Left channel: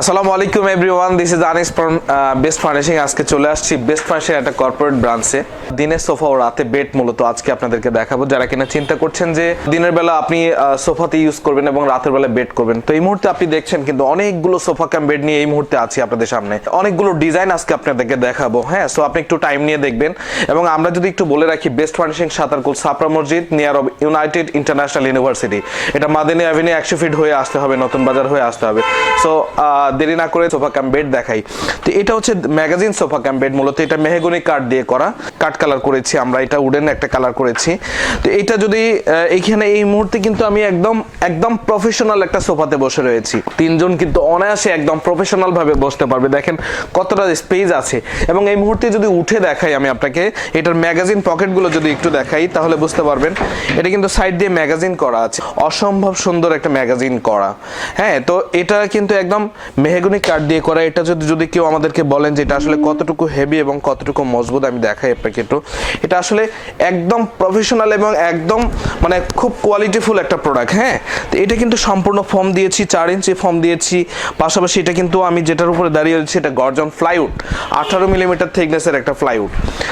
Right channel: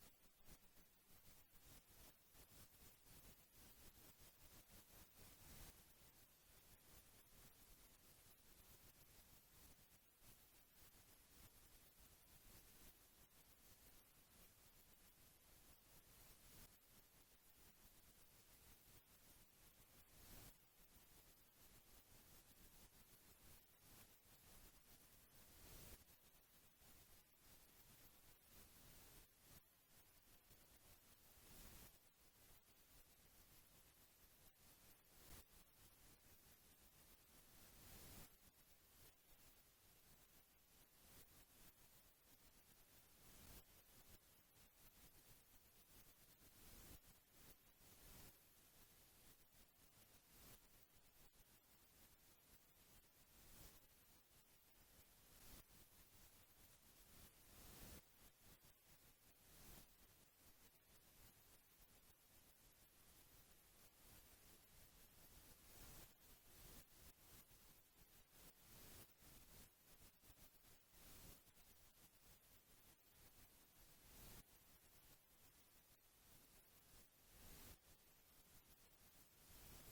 আসসালামু আলাইকুম everyone this is Anis from Best Furnishing আজকে চলে আসছি বেস্ট ফার্নিশিং একটা কর্পোরেট ব্রাঞ্চে দিনের সোফা ও রাতে বেড মূলত আজকে আপনাদেরকে দেখাবো। যারা কিনা চিন্তা করছেন যে দিনের বেলা আপনি সোফাতে ইউজ করবেন এবং রাতের বেলা বেড করবেন, তো এই মুহূর্তে আপনি দেখছেন কিন্তু অনেকগুলো সোফা ক্যাম বেড নিয়ে এই মুহূর্তে আছি আপনাদের সামনে। অনেকগুলো ডিজাইন আজকে আপনাদেরকে দেখাবো হ্যাঁ? সো আপনি একটু টাইম নিয়ে দেখবেন। এবং আমরা যদি একটু বলে রাখি বেস্ট ফার্নিশিং সাতারকুল সাপরা মসজিদ near of United International University এটা মাদিনী অ্যাভিনিউ একশো ফিট হয়ে আসতে হবে, নতুন বাজার হয়ে আসতে হবে। সো দেরি না করে সোফা ক্যাম বেড দেখাই। তো এটা হচ্ছে ম্যাগাজিন সোফা ক্যাম বেড, মূলত এটা মেহগনি কাঠ দিয়ে করা। কাঠ কালার করেছি আমরা, এটা উডেন একটা কালার করেছি। তো এটা যদি এইখানে এই মুহূর্তে কিন্তু আমি একদম একদম প্রফেশনাল একটা সোফাতে বসে রয়েছি। তিনজন কিন্তু অনায়াসে একদম প্রফেশনাল ভাবে বসতে পারবে। দেখেন কতটা স্পেস আছে। এবং এই মুহূর্তে যদি উঠে দেখাই আমি আপনাকে, এটার ম্যাগাজিন পকেটগুলো যদি একটু দেখাই, তাহলে বুঝতে পারবেন এটা কিন্তু সাইড দিয়ে ম্যাগাজিন করা আছে। অসম্ভব সুন্দর একটা ম্যাগাজিন করা। হ্যাঁ তো এটা কিন্তু একদম মেহগুনি কাঠ দিয়ে করা, এটা যদি যদি কেউ আমাদেরকে বলেন যে এটা আসলে কতটুকু হেভি এবং কতটুকু মজবুত, আমি দেখাই আপনাকে একটু। এটা আসলে একদম প্রফেশনাল এবং একদম মানে খুব কোয়ালিটিফুল একটা প্রোডাক্ট হ্যাঁ? তো এটা কিন্তু সম্পূর্ণ ফর্ম দিয়েছি, চার ইঞ্চি ফর্ম দিয়েছি। পাশাপাশি এটা কিন্তু আমি যেটার উপরে দাঁড়িয়ে রয়েছি, এটা গর্জন ফ্লাইউড আঠারো মিলিমিটার থিকনেসের একটা ফ্লাইউড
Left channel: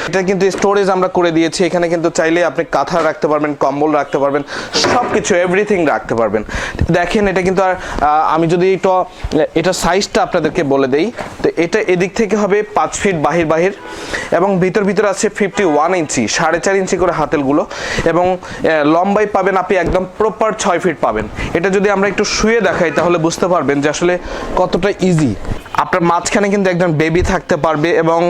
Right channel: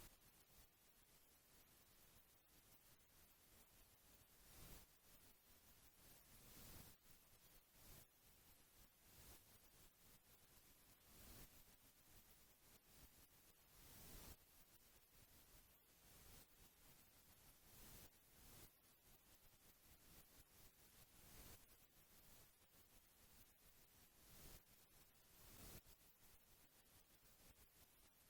এটা কিন্তু স্টোরেজ আমরা করে দিয়েছি, এখানে কিন্তু চাইলে আপনি কাঁথা রাখতে পারবেন, কম্বল রাখতে পারবেন সব কিছু এভরিথিং রাখতে পারবেন। দেখেন, এটা কিন্তু আর আমি যদি একটু এটা সাইজটা আপনাদেরকে বলে দেই। তো এটা এদিক থেকে হবে পাঁচ ফিট বাহির বাহির এবং ভিতর ভিতর আছে ফিফটি ওয়ান ইঞ্চি সাড়ে চার ইঞ্চি করে হাতেলগুলো এবং লম্বাই পাবেন আপনি একদম প্রপার ছয় ফিট পাবেন। এটা যদি আমরা একটু শুয়ে দেখাই তাহলে বুঝতে পারবেন যে আসলে কতটা ইজি আপনার মাঝখানে কিন্তু একজন বেবি থাকতে পারবে এবং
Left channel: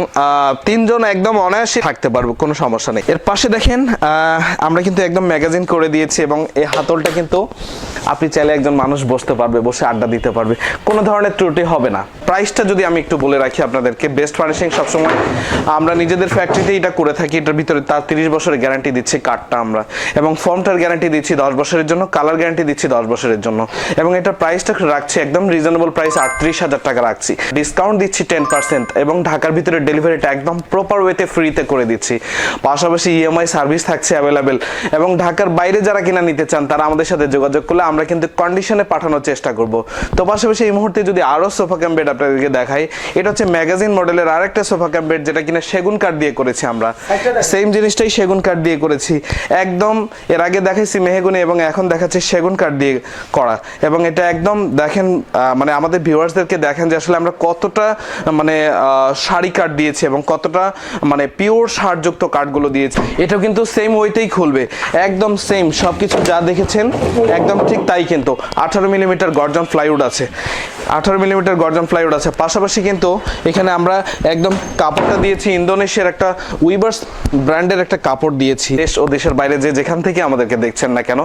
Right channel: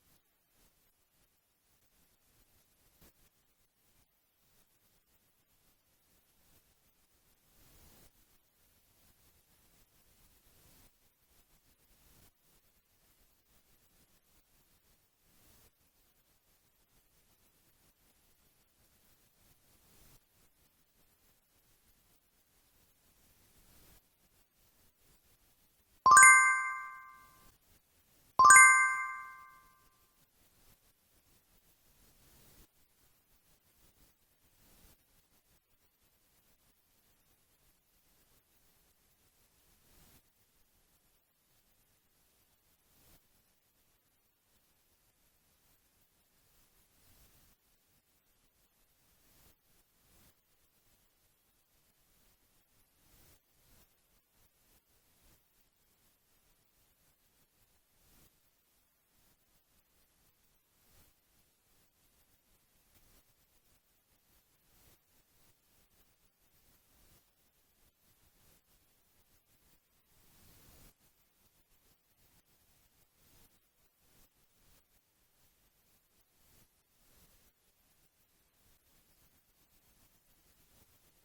তিনজন একদম অনায়াসে থাকতে পারবে, কোনো সমস্যা নেই। এর পাশে দেখেন আমরা কিন্তু একদম ম্যাগাজিন করে দিয়েছি এবং এই হাতলটা কিন্তু আপনি চাইলে একজন মানুষ বসতে পারবে, বসে আড্ডা দিতে পারবে। কোনো ধরনের ত্রুটি হবে না। প্রাইসটা যদি আমি একটু বলে রাখি আপনাদেরকে বেস্ট ফার্নিশিং সবসময় আমরা নিজেদের ফ্যাক্টরিতে এটা করে থাকি। এটার ভিতরে তার তিরিশ বছরের গ্যারান্টি দিচ্ছি কাঠটা আমরা। এবং ফর্মটার গ্যারান্টি দিচ্ছি দশ বছরের জন্য কালার গ্যারান্টি দিচ্ছি দশ বছরের জন্য। এবং এটার প্রাইসটা রাখছি একদম রিজনেবল প্রাইস আটত্রিশ হাজার টাকা রাখছি। ডিসকাউন্ট দিচ্ছি টেন পার্সেন্ট এবং ঢাকার ভিতরে ডেলিভারিটা একদম প্রপার ওয়েতে ফ্রিতে করে দিচ্ছি। পাশাপাশি ইএমআই সার্ভিস থাকছে অ্যাভেলেবেল এবং ঢাকার বাইরে যারা কিনা নিতে চান তারা আমাদের সাথে যোগাযোগ করলে আমরা কিন্তু কন্ডিশনে পাঠানোর চেষ্টা করব। তো পাশাপাশি এই মুহূর্তে যদি আরও সোফা ক্যাম বেড আপনাদেরকে দেখাই এটা হচ্ছে ম্যাগাজিন মডেলের আরেকটা সোফা ক্যাম বেড যেটা কিনা সেগুন কাঠ দিয়ে করেছি আমরা। সেম জিনিসটাই সেগুন কাঠ দিয়ে করেছি। একদম এর আগে দেখাইছি মেহগুনি এবং এখন দেখাচ্ছি সেগুন কাঠ দিয়ে করা। এবং এটা একদম দেখেন মানে আমাদের ভিউয়ার্সদেরকে দেখেন যে আসলে আমরা কতটা মানে শাড়ি কাঠ দিয়েছি এবং কতটা মানে পিওর সারযুক্ত কাঠগুলো দিয়েছি এটা কিন্তু সেম ওয়েতেই খুলবে। একদম সেম সব কিছু যা দেখেছেন, একদম ঠিক তাই কিন্তু। আঠারো মিলিমিটার গর্জন ফ্লাইউড আছে। আঠারো মিলিমিটার গর্জন ফ্লাইউড আছে। পাশাপাশি কিন্তু এখানে আমরা একদম কাপড়টা দিয়েছি ইন্দোনেশিয়ার একটা উইবার্স ব্র্যান্ডের একটা কাপড় দিয়েছি। দেশ ও দেশের বাইরে যে যেখান থেকে আমাদেরকে দেখছেন না কেন,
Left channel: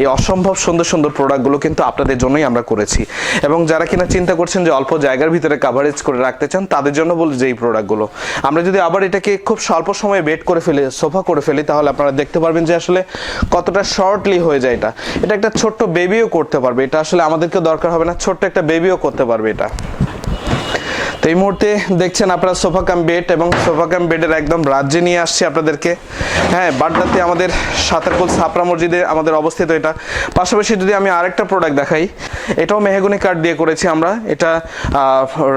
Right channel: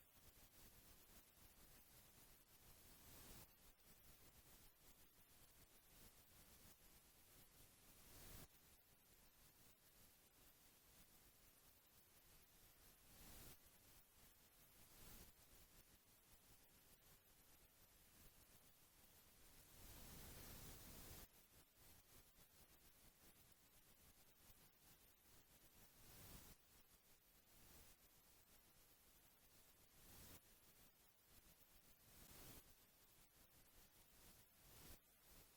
এই অসম্ভব সুন্দর সুন্দর প্রোডাক্টগুলো কিন্তু আপনাদের জন্যই আমরা করেছি। এবং যারা কিনা চিন্তা করছেন যে অল্প জায়গার ভিতরে কাভারেজ করে রাখতে চান, তাদের জন্য বলি যে এই প্রোডাক্টগুলো। আমরা যদি আবার এটাকে খুব স্বল্প সময়ে বেড করে ফেলি, সোফা করে ফেলি, তাহলে আপনারা দেখতে পারবেন যে আসলে কতটা শর্টলি হয়ে যায় এটা। এটা একটা ছোট্ট বেবিও করতে পারবে। এটা আসলে আমাদেরকে দরকার হবে না, ছোট্ট একটা বেবিও করতে পারবে এটা। তো এই মুহূর্তে দেখছেন আপনারা সোফা কাম বেড এবং সোফা কাম বেডের একদম রাজ্যে নিয়ে আসছি আপনাদেরকে। হ্যাঁ বাড্ডাতে আমাদের সাতারকুল সাপরা মসজিদে আমাদের অবস্থিত এটা। পাশাপাশি যদি আমি আরেকটা প্রোডাক্ট দেখাই, এটাও মেহগুনি কাঠ দিয়ে করেছি আমরা। এটা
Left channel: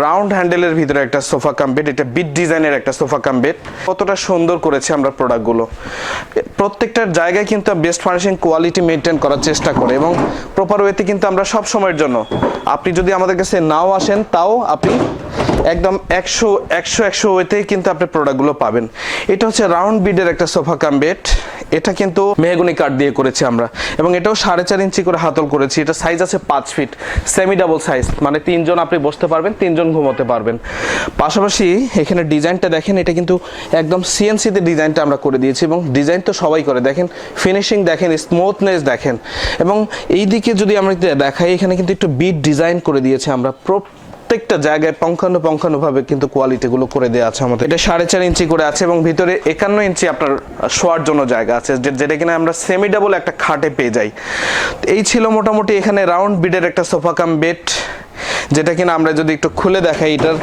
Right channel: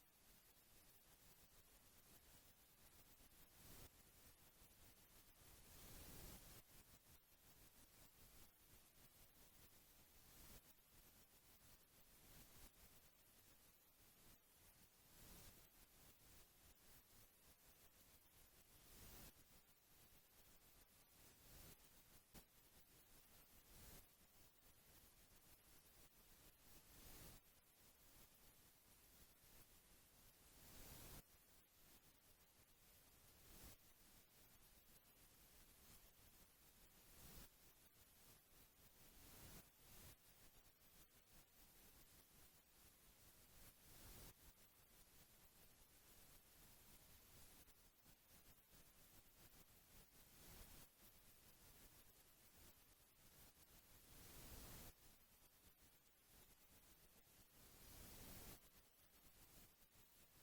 রাউন্ড হ্যান্ডেলের ভিতরে একটা সোফা কাম বেড, এটা বিট ডিজাইনের একটা সোফা কাম বেড। কতটা সুন্দর করেছি আমরা প্রোডাক্টগুলো প্রত্যেকটার জায়গায় কিন্তু বেস্ট ফার্নিশিং কোয়ালিটি মেনটেন করার চেষ্টা করে এবং প্রপার ওয়েতে কিন্তু আমরা সব সময়ের জন্য। আপনি যদি আমাদের কাছে নাও আসেন, তাও আপনি একদম একশো একশো একশো ওয়েতেই কিন্তু আপনি প্রোডাক্টগুলো পাবেন। এটা হচ্ছে রাউন্ড বিডের একটা সোফা কাম বেড এটা কিন্তু মেহগুনি কাঠ দিয়ে করেছি আমরা। এবং এটাও সাড়ে চার ইঞ্চি করে হাতল করেছি। এটা সাইজ আছে পাঁচ ফিট সেমি ডাবল সাইজ মানে তিনজন আপনি বসতে পারবেন, তিনজন ঘুমোতে পারবেন। পাশাপাশি এখানে ডিজাইনটা দেখেন, এটা কিন্তু একদম সিএনসিতে ডিজাইনটা আমরা করে দিয়েছি। এবং ডিজাইন তো সবাই করে। দেখেন ফিনিশিং দেখেন স্মুথনেস দেখেন। এবং এই দিকে যদি আমরা দেখাই, এখানে কিন্তু একটু বিট ডিজাইন করে দিয়েছি আমরা। প্রত্যেকটা জায়গায় পঙ্খানু পঙ্খানু ভাবে কিন্তু কোয়ালিটি গুলো করে দেওয়া আছে আমাদের। এটা সাড়ে চার ইঞ্চি করে আছে এবং ভিতরে একান্ন ইঞ্চি আপনার শোয়ার জন্য জায়গা আছে যেটা কিনা আমরা সেমি ডাবল একটা খাটে পেয়ে যাই। এই ছিল মোটামুটি এখানে রাউন্ড বিডের একটা সোফা কাম বেড যেটা কিনা আমরা যদি একটু খুলে দেখাই, এটার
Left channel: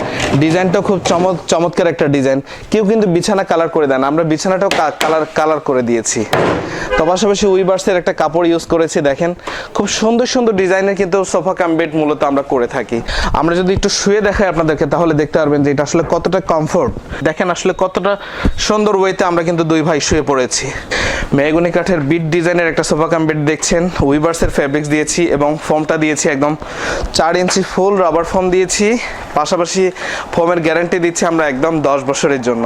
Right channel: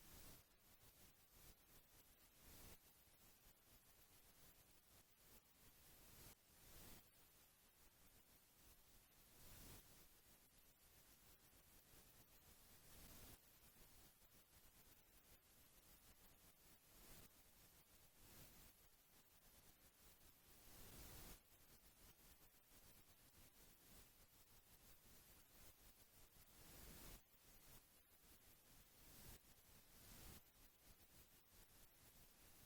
ডিজাইনটা খুব চমৎ, চমৎকার একটা ডিজাইন। কেউ কিন্তু বিছানা কালার করে দেন, আমরা বিছানাটাও কালার কালার করে দিয়েছি। তো পাশাপাশি উইবার্সের একটা কাপড় ইউজ করেছি, দেখেন। খুব সুন্দর সুন্দর ডিজাইনের কিন্তু সোফা কাম বেড মূলত আমরা করে থাকি। আমরা যদি একটু শুয়ে দেখাই আপনাদেরকে, তাহলে দেখতে পারবেন যে এটা আসলে কতটা কমফোর্ট দেখেন আসলে কতটা সুন্দর ওয়েতে আমরা কিন্তু দুই ভাই শুয়ে পড়েছি। মেহগুনি কাঠের বিট ডিজাইনের একটা সোফা কাম বেড দেখছেন। উইবার্সের ফ্যাব্রিক্স দিয়েছি এবং ফর্মটা দিয়েছি একদম চার ইঞ্চি ফুল রাবার ফর্ম দিয়েছি, পাশাপাশি ফোমের গ্যারান্টি দিচ্ছি আমরা একদম দশ বছরের জন্য।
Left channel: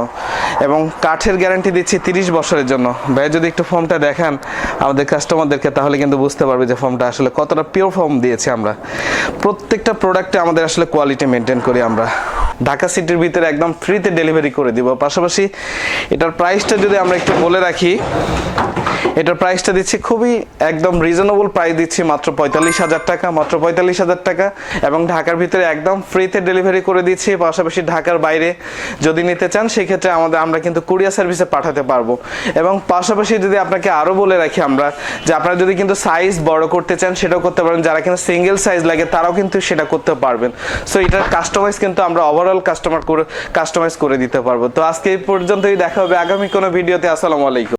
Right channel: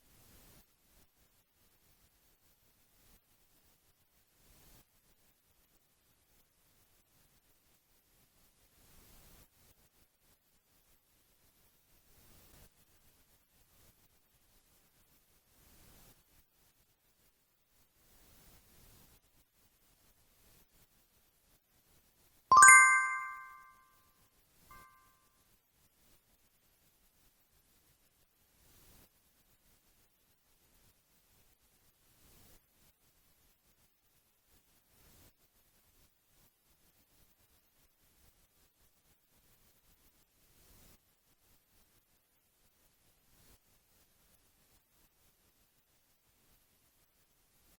এবং কাঠের গ্যারান্টি দিচ্ছি তিরিশ বছরের জন্য। ভাই যদি একটু ফর্মটা দেখান আমাদের কাস্টমারদেরকে, তাহলে কিন্তু বুঝতে পারবে যে ফর্মটা আসলে কতটা পিওর ফর্ম দিয়েছি আমরা। প্রত্যেকটা প্রোডাক্টে আমাদের আসলে কোয়ালিটি মেনটেন করি আমরা। ঢাকা সিটির ভিতরে একদম ফ্রিতে ডেলিভারি করে দিব। পাশাপাশি এটার প্রাইসটা যদি আমরা একটু বলে রাখি এটার প্রাইসটা দিচ্ছি খুবই একদম রিজনেবল প্রাইস দিচ্ছি, মাত্র পঁয়তাল্লিশ হাজার টাকা, মাত্র পঁয়তাল্লিশ হাজার টাকা। এবং ঢাকার ভিতরে একদম ফ্রিতে ডেলিভারি করে দিচ্ছি, পাশাপাশি ঢাকার বাইরে যদি নিতে চান সেই ক্ষেত্রে আমাদের, আমরা কিন্তু কুরিয়ার সার্ভিসে পাঠাতে পারব। এবং পাশাপাশি যদি আপনাকে আরও বলে রাখি আমরা, যে আপনারা যদি কিন্তু সাইজ বড় করতে চান, সেটাও করতে পারবেন যারা কিন্তু সিঙ্গেল সাইজ লাগে, তারাও কিন্তু সেটা করতে পারবেন। সো এটার কাস্টমাইজ কিন্তু আমরা ওভারঅল কাস্টমার করে কাস্টমাইজ করে দিতে পারব। তো আজকে এই পর্যন্তই, দেখা হবে আগামী কোনো ভিডিওতে আসসালামু আলাইকুম।